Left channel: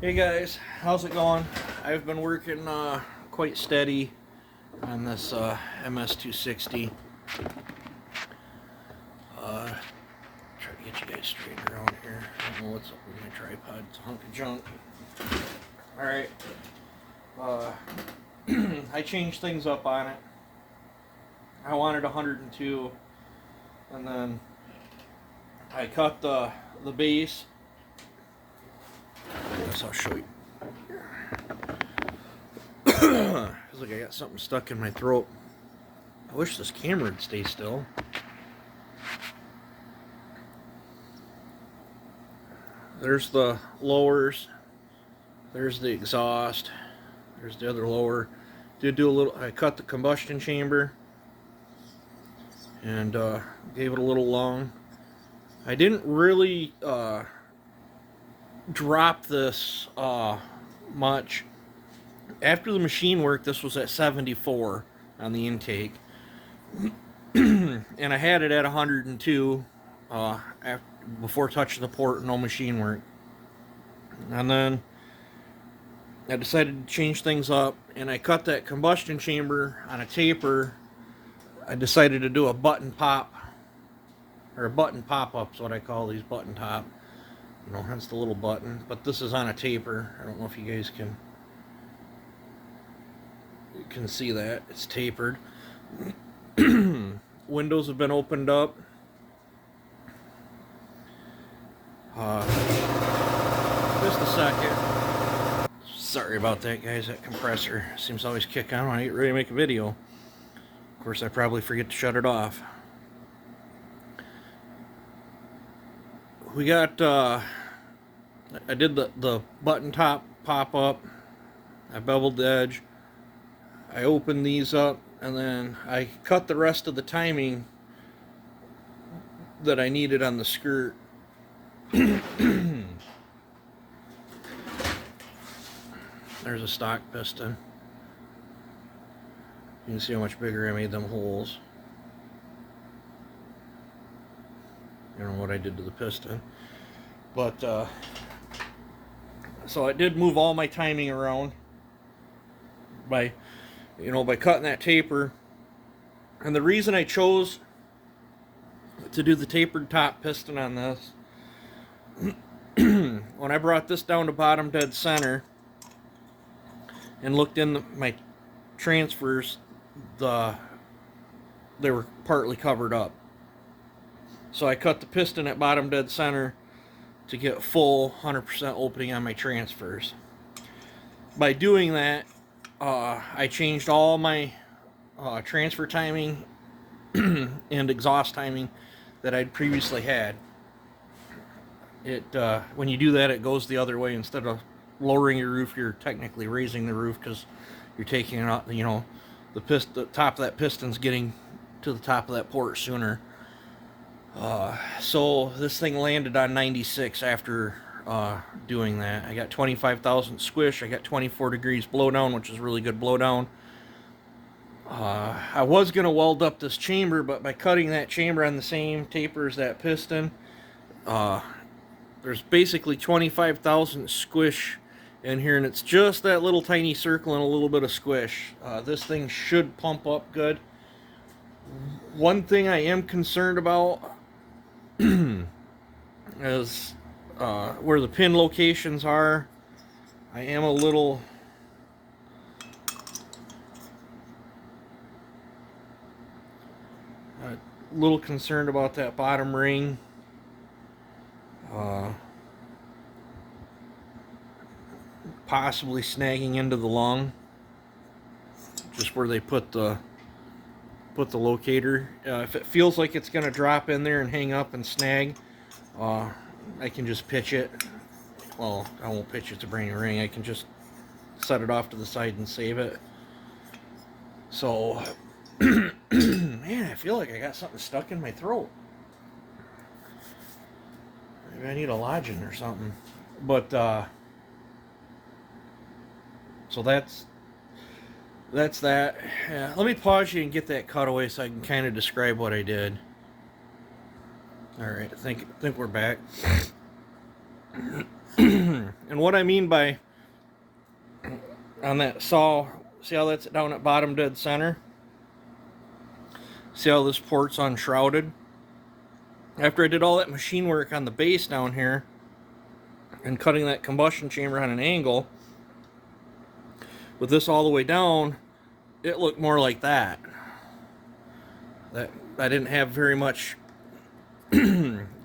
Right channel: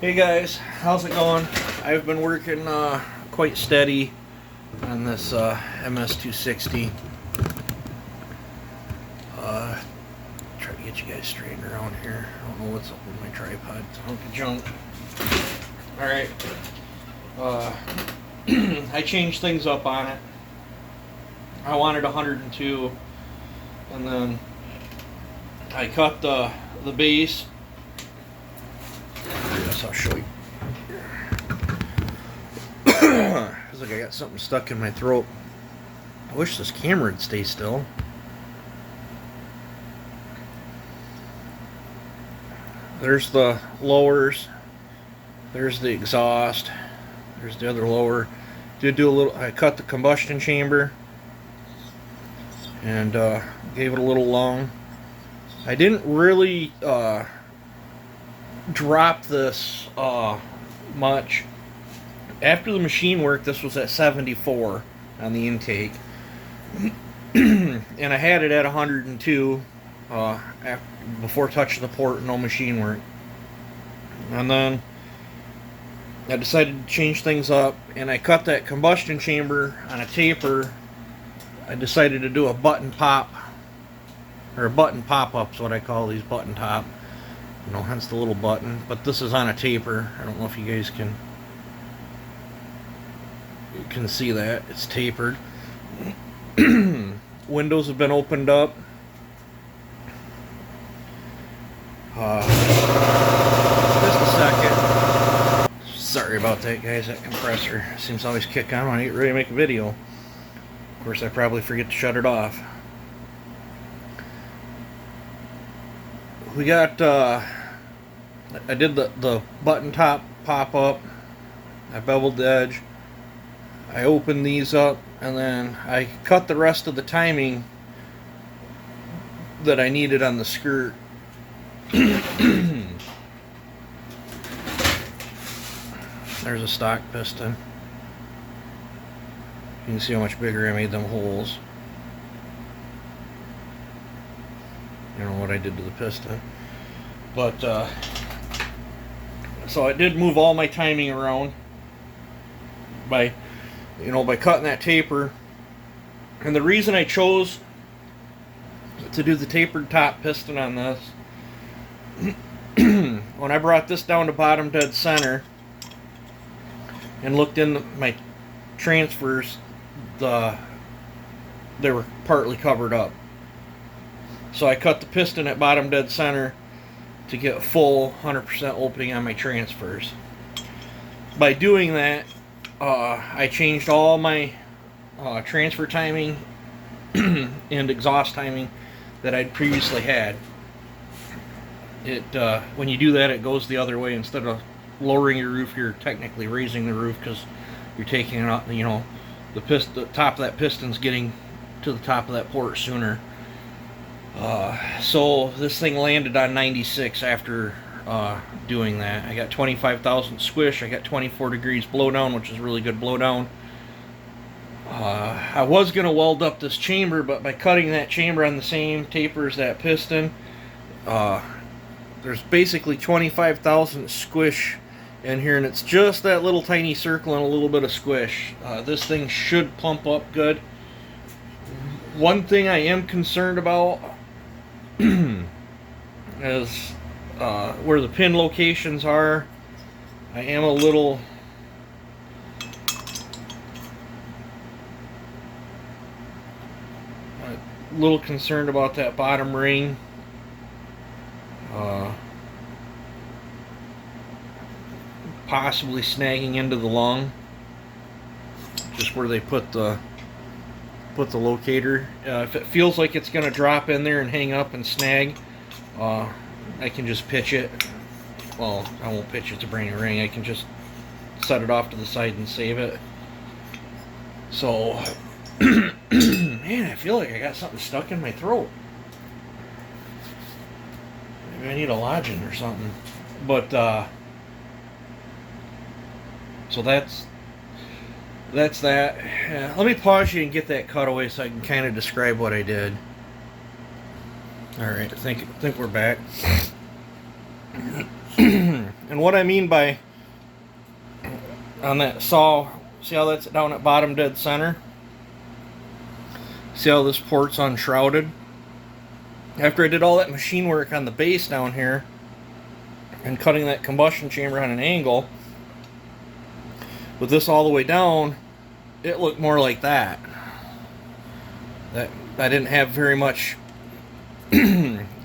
Hey guys, how's it going? I've been working quite steady on this ms260. Try to get you guys straight around here. I don't know what's up with my tripod. It's a hunk of junk. Alright. I changed things up on it. I wanted 102, and then I cut the base. I guess I'll show you. Feels like I got something stuck in my throat. I wish this camera would stay still. There's the lowers. There's the exhaust. There's the other lower. Did do a little. I cut the combustion chamber and gave it a little long. I didn't really drop this much. After the machine work, this was at 74 on the intake, and I had it at 102 before touching the port. No machine work, and then I decided to change things up, and I cut that combustion chamber on a taper. I decided to do a button pop, or a button pop-up is what I call these, button top. You know, hence the little button. But this is on a taper. I don't know if you guys can see that. It's tapered. Windows have been opened up. Just a second. Sorry about that, guys. That compressor seems to always kick on when I get ready to make a video. Of course, I probably forget to shut it off. We got, I did the button top pop up. I beveled the edge. I opened these up, and then I cut the rest of the timing that I needed on the skirt. There's a stock piston. You can see how much bigger I made them holes. I don't know what I did to the piston, but so I did move all my timing around by cutting that taper. And the reason I chose to do the tapered top piston on this, when I brought this down to bottom dead center and looked in my transfers, they were partly covered up. So I cut the piston at bottom dead center to get full 100% opening on my transfers. By doing that, I changed all my transfer timing and exhaust timing that I'd previously had. When you do that, it goes the other way. Instead of lowering your roof, you're technically raising the roof, because you're taking it out. You know, the top of that piston's getting to the top of that port sooner. So this thing landed on 96 after doing that. I got 25,000 squish. I got 24 degrees blowdown, which is really good blowdown. I was going to weld up this chamber, but by cutting that chamber on the same taper as that piston, there's basically 25,000 squish in here, and it's just that little tiny circle and a little bit of squish. This thing should pump up good. One thing I am concerned about is where the pin locations are. I am a little concerned about that bottom ring. Possibly snagging into the lung, just where they put the locator. If it feels like it's going to drop in there and hang up and snag, I can just pitch it. Well, I won't pitch it to bring a ring. I can just set it off to the side and save it. So, man, I feel like I got something stuck in my throat. Maybe I need a lodging or something. But, so that's that. Let me pause you and get that cutaway so I can kind of describe what I did. All right, I think we're back. And what I mean by on that saw, see how that's down at bottom dead center? See how this port's unshrouded? After I did all that machine work on the base down here and cutting that combustion chamber on an angle, with this all the way down, it looked more like that. That I didn't have very much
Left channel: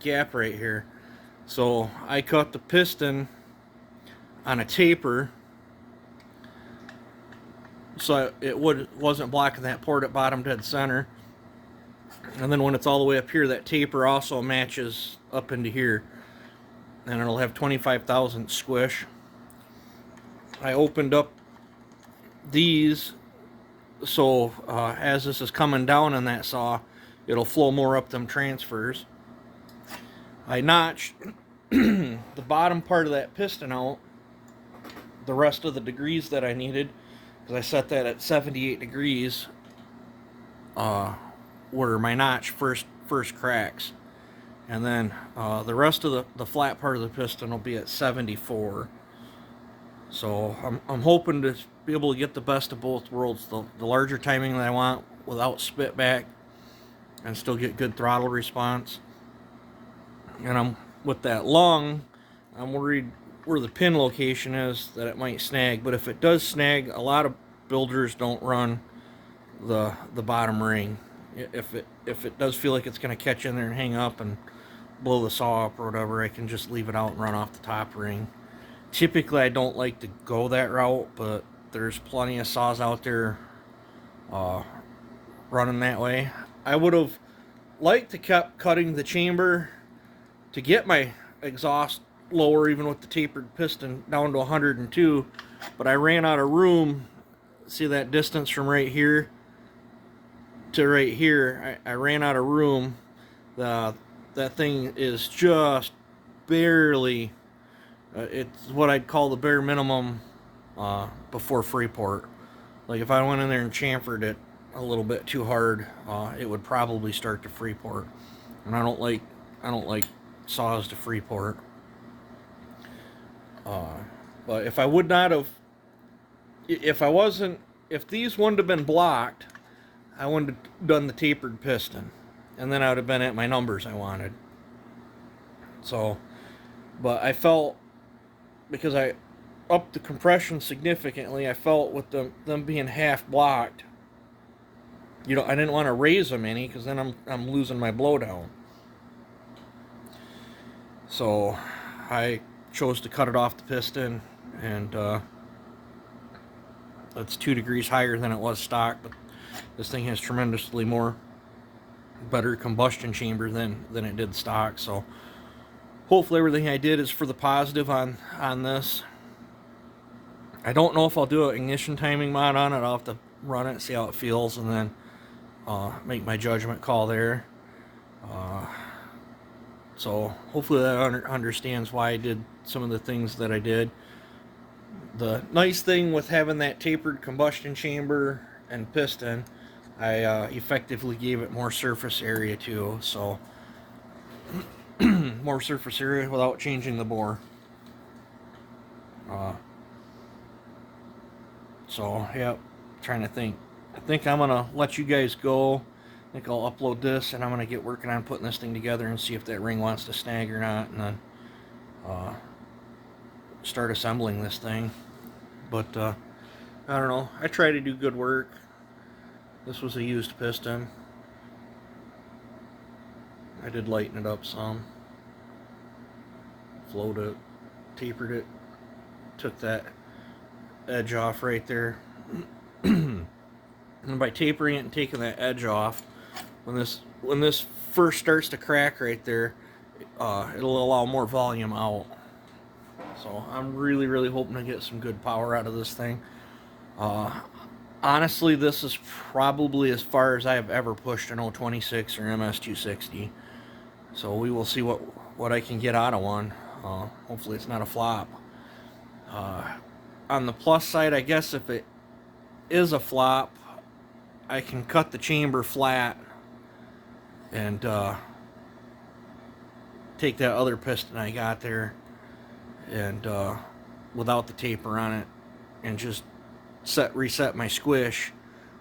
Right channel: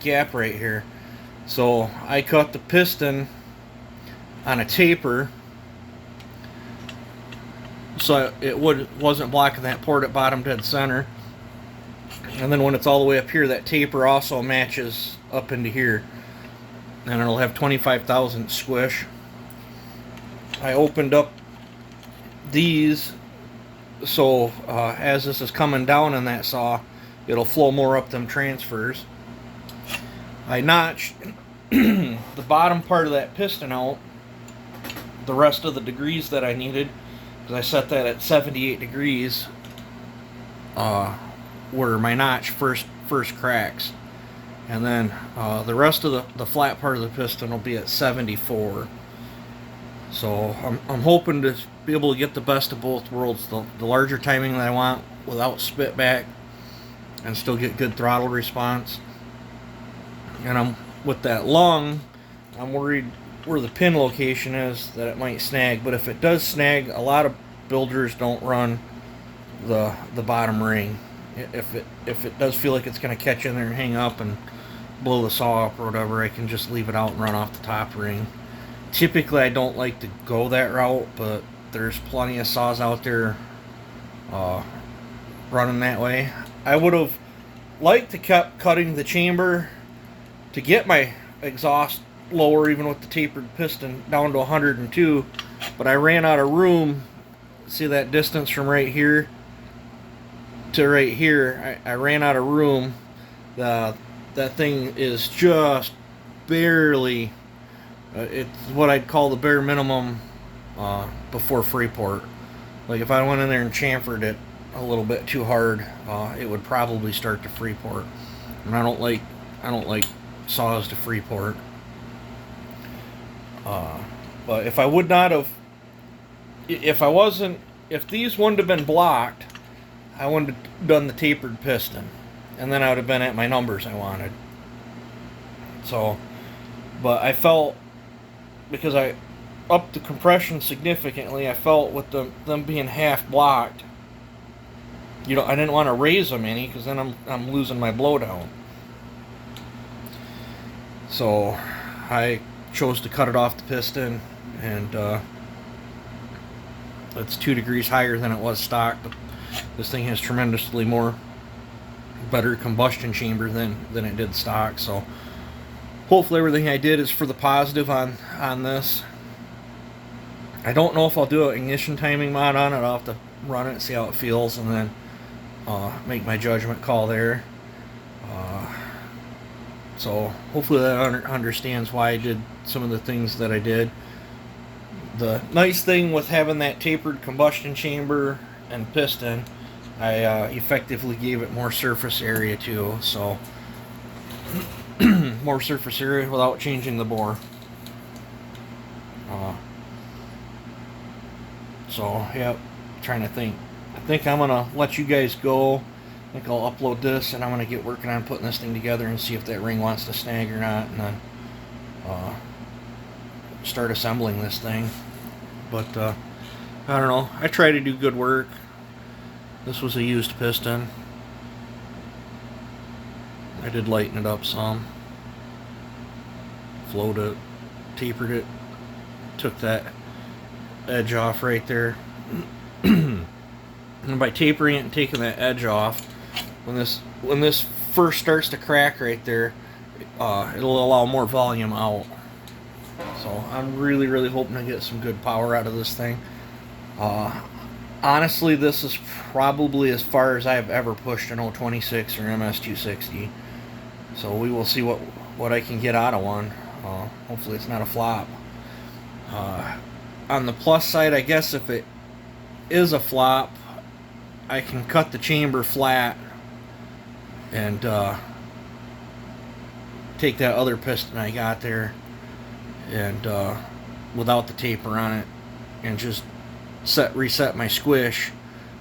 gap right here. So I cut the piston on a taper so it wasn't blocking that port at bottom dead center. And then when it's all the way up here, that taper also matches up into here. And it'll have 25,000 squish. I opened up these so as this is coming down in that saw, it'll flow more up them transfers. I notched the bottom part of that piston out the rest of the degrees that I needed, because I set that at 78 degrees where my notch first cracks, and then the rest of the flat part of the piston will be at 74. So I'm hoping to be able to get the best of both worlds, the larger timing that I want without spit back and still get good throttle response. And with that lung, I'm worried where the pin location is that it might snag, but if it does snag, a lot of builders don't run the bottom ring. If it does feel like it's going to catch in there and hang up and blow the saw up or whatever, I can just leave it out and run off the top ring. Typically I don't like to go that route, but there's plenty of saws out there running that way. I would have liked to kept cutting the chamber to get my exhaust lower, even with the tapered piston, down to 102, but I ran out of room. See that distance from right here to right here? I ran out of room. That thing is just barely, it's what I'd call the bare minimum before Freeport. Like if I went in there and chamfered it a little bit too hard, it would probably start to Freeport. And I don't like saws to Freeport. But if I would not have, if these wouldn't have been blocked, I wouldn't have done the tapered piston, and then I would have been at my numbers I wanted. So, but I felt, because I upped the compression significantly, I felt with them being half blocked, I didn't want to raise them any, because then I'm losing my blowdown. So I chose to cut it off the piston, and it's 2 degrees higher than it was stock, but this thing has tremendously better combustion chamber than it did stock. So hopefully everything I did is for the positive on this. I don't know if I'll do an ignition timing mod on it. I'll have to run it, see how it feels, and then make my judgment call there. So hopefully that understands why I did some of the things that I did. The nice thing with having that tapered combustion chamber and piston, I effectively gave it more surface area too. So more surface area without changing the bore. So yeah, trying to think. I think I'm gonna let you guys go. I think I'll upload this, and I'm going to get working on putting this thing together and see if that ring wants to snag or not, and then start assembling this thing. But I don't know. I try to do good work. This was a used piston. I did lighten it up some. Flowed it, tapered it, took that edge off right there. And by tapering it and taking that edge off, when this first starts to crack right there, it'll allow more volume out. So I'm really hoping to get some good power out of this thing. Honestly, this is probably as far as I've ever pushed an 026 or ms260. So we will see what I can get out of one. Hopefully it's not a flop. On the plus side, I guess if it is a flop, I can cut the chamber flat and take that other piston I got there and without the taper on it, and just reset my squish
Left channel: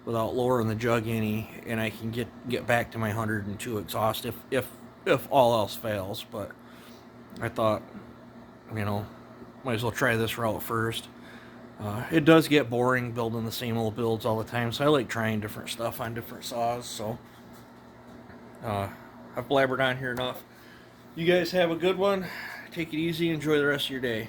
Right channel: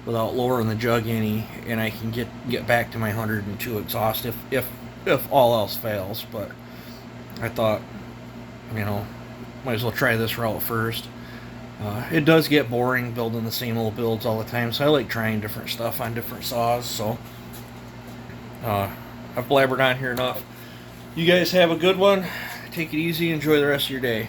without lowering the jug any, and I can get back to my 102 exhaust if all else fails. But I thought, might as well try this route first. It does get boring building the same old builds all the time, so I like trying different stuff on different saws. So I've blabbered on here enough. You guys have a good one. Take it easy. Enjoy the rest of your day.